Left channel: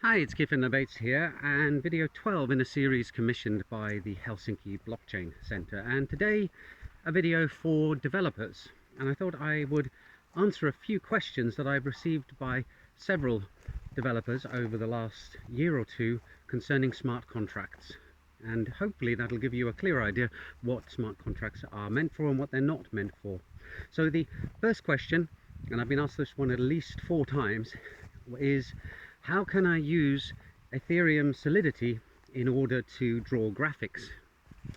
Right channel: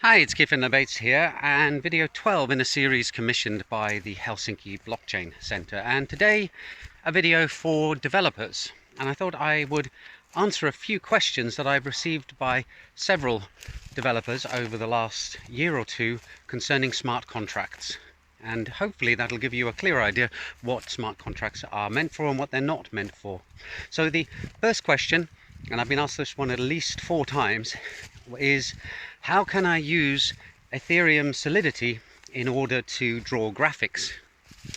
Hi, it's Kieran Bates here, and video 12 in a series commissioned by the Helsinki Blockchain Center. And today, a video for developers. And I thought I would answer a few questions that I've received by several developers over the last year or two concerning smart contracts. And hopefully that'll give you a clear idea what smart contracts are meant for and what they're not meant for. So the first question, and I've been asked this one at least 4 times, is how can I use Ethereum Solidity in order to draw graphics?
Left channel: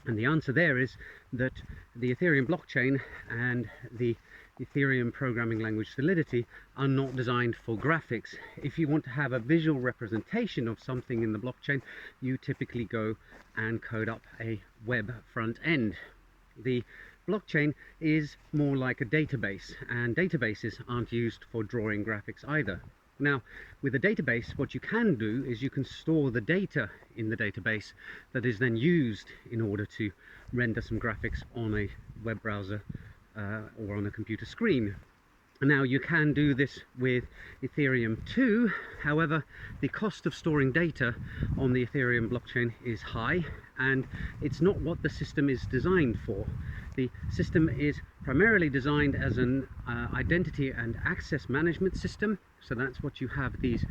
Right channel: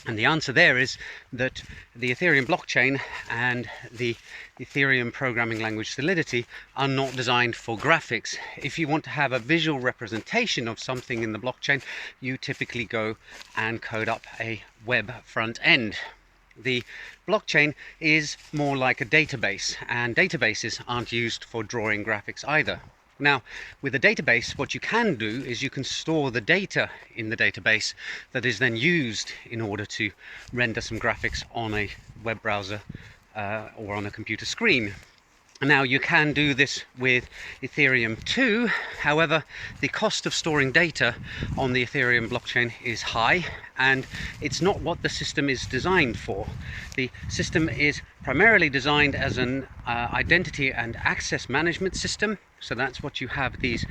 And the answer there is that the Ethereum blockchain and the Ethereum programming language Solidity are not designed for graphics. If you want to have a visual representation of something in the blockchain, you typically go and code up a web front end. The blockchain is more like a database, and databases aren't used for drawing graphics either. Now, with a database, what you can do is you can store the data in the database that is then used in order to render some graphics on a web browser or on a computer screen. Now, you can do this with Ethereum too. However, the cost of storing data on the Ethereum blockchain is high, and it's not what the system is designed for. The system is primarily designed as an identity and access management system. So that's what you have these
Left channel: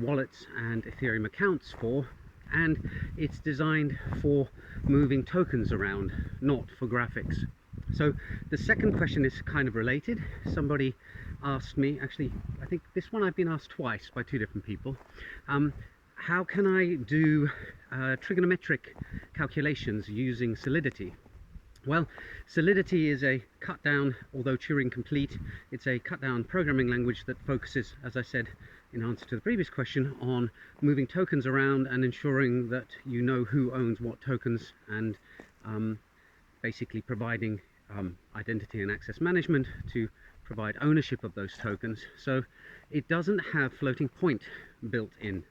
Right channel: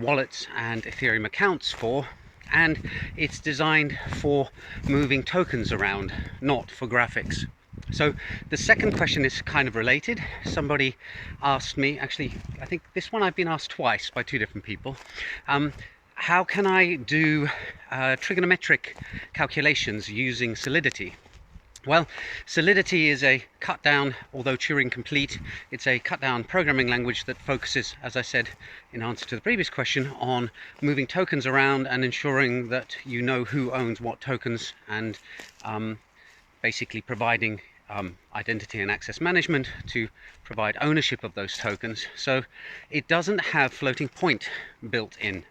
wallets and Ethereum accounts for. And it's designed for moving tokens around, not for graphics. So the second question is kind of related. Somebody asked me, actually, I think this one I've been asked twice by 2 different people. How can I do trigonometric calculations using Solidity? Well, Solidity is a cut-down, although Turing complete, it's a cut-down programming language that focuses, as I said in answer to the previous question, on moving tokens around and ensuring that you know who owns what tokens, and basically providing identity and access management to provide ownership of those tokens. So it doesn't have floating point built in.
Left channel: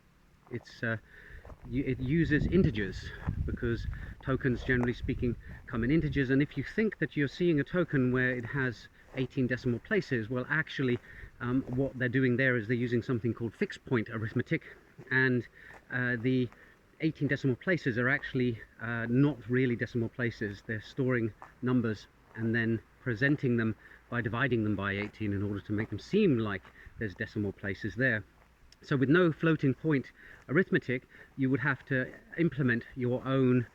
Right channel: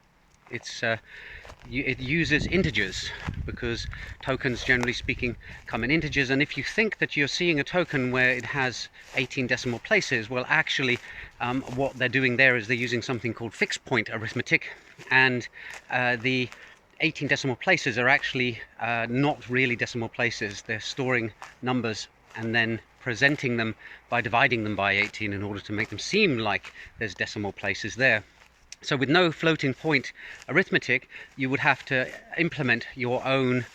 It uses integers, because tokens, generally speaking, come in integers. And if you think that you're seeing a token where it has 18 decimal places, well, actually what they're doing there is they're using something called fixed point arithmetic, and the 18 decimal places are actually not really decimal places. They're storing numbers and then presenting them by dividing them by 18 in order to make them seem like there's decimal places there. So with no floating point arithmetic, you would have to implement your own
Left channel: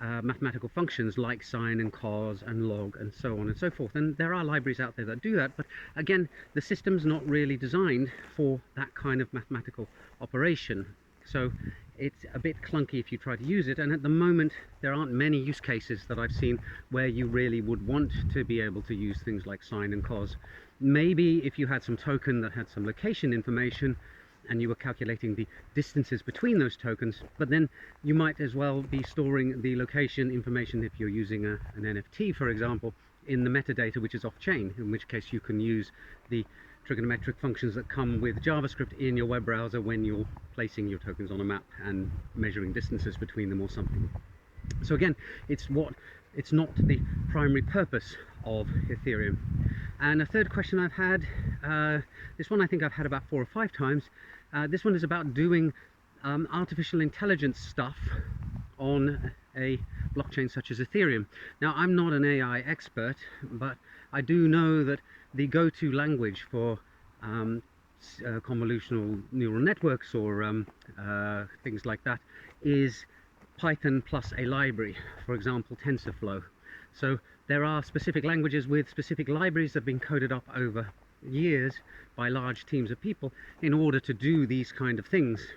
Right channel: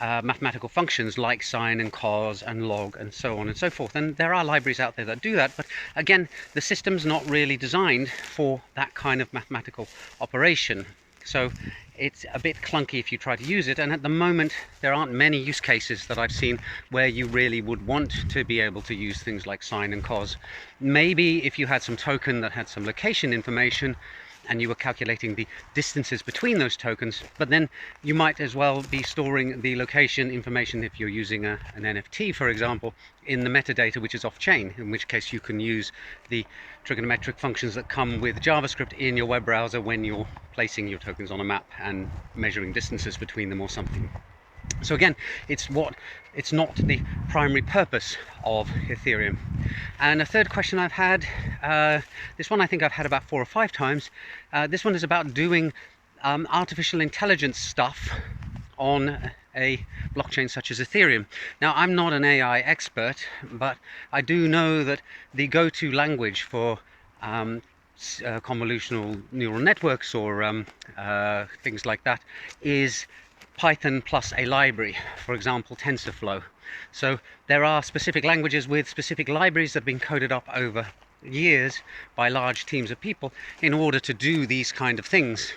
mathematical functions like sine and cos and log and so on and so forth. And there are libraries out there that do that, but again, the system's not really designed for that kind of mathematical operation. So it's a bit clunky if you try to use it, and at the moment there aren't many use cases that I've seen where you really would want to be able to use things like sine and cos. Maybe if you had some token that had some location information and you were calculating the distances between those tokens, but then you might as well be storing the location information, if you're using an NFT, for example, in the metadata, which is off-chain, in which case you can use the trigonometric functions that come with JavaScript in your web browser when you're placing your tokens on a map and measuring distances between them or something. So again, it's not the primary purpose of Ethereum. And a third question I've had, this one I think I've had about 4 or 5 times. This one is about doing artificial intelligence stuff on a blockchain such as Ethereum. Now, I'm not an AI expert, but I do know that the go-to language for convolutional neural networks or things like that is Python plus a library, for example TensorFlow. So there are specific languages with specific libraries that have been coded up over years by large teams of people in order to do these kind of things.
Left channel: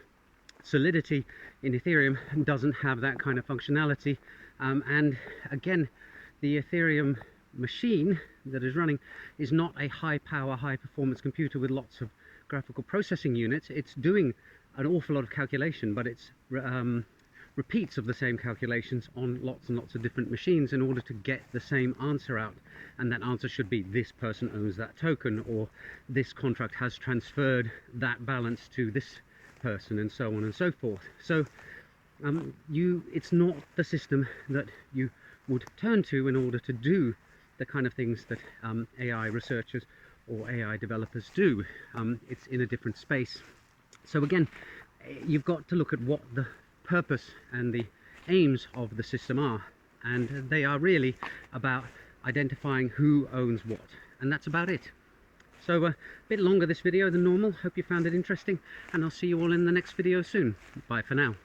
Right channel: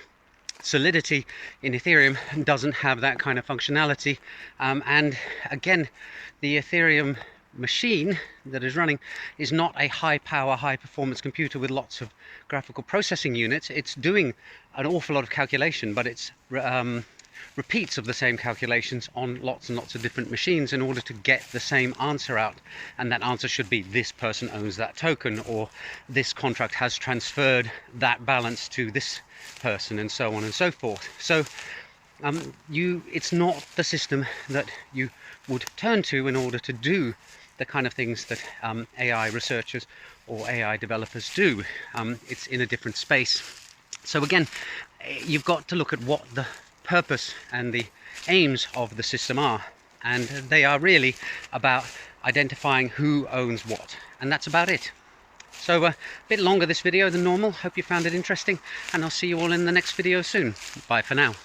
Solidity in Ethereum doesn't have that kind of functionality, and again, the Ethereum machine that is running is not a high power, high performance computer with lots of graphical processing units. It's doing an awful lot of calculation, but it's repeats of the same calculations on lots and lots of different machines in order to get the same answer out. And that answer should be this person owns that token, or this contract has transferred that balance to this person, and so on and so forth. So it's not the system that you would turn to in order to do the kind of things that AI researchers or AI developers do. It's in a different space. So again, you've got to look at what the purpose and the aims of the system are, and they are really about identifying who owns what, and that's about it. So a bit longer this video than normal. Hope you found it interesting, and I'll see you all in the next video soon. Bye for now.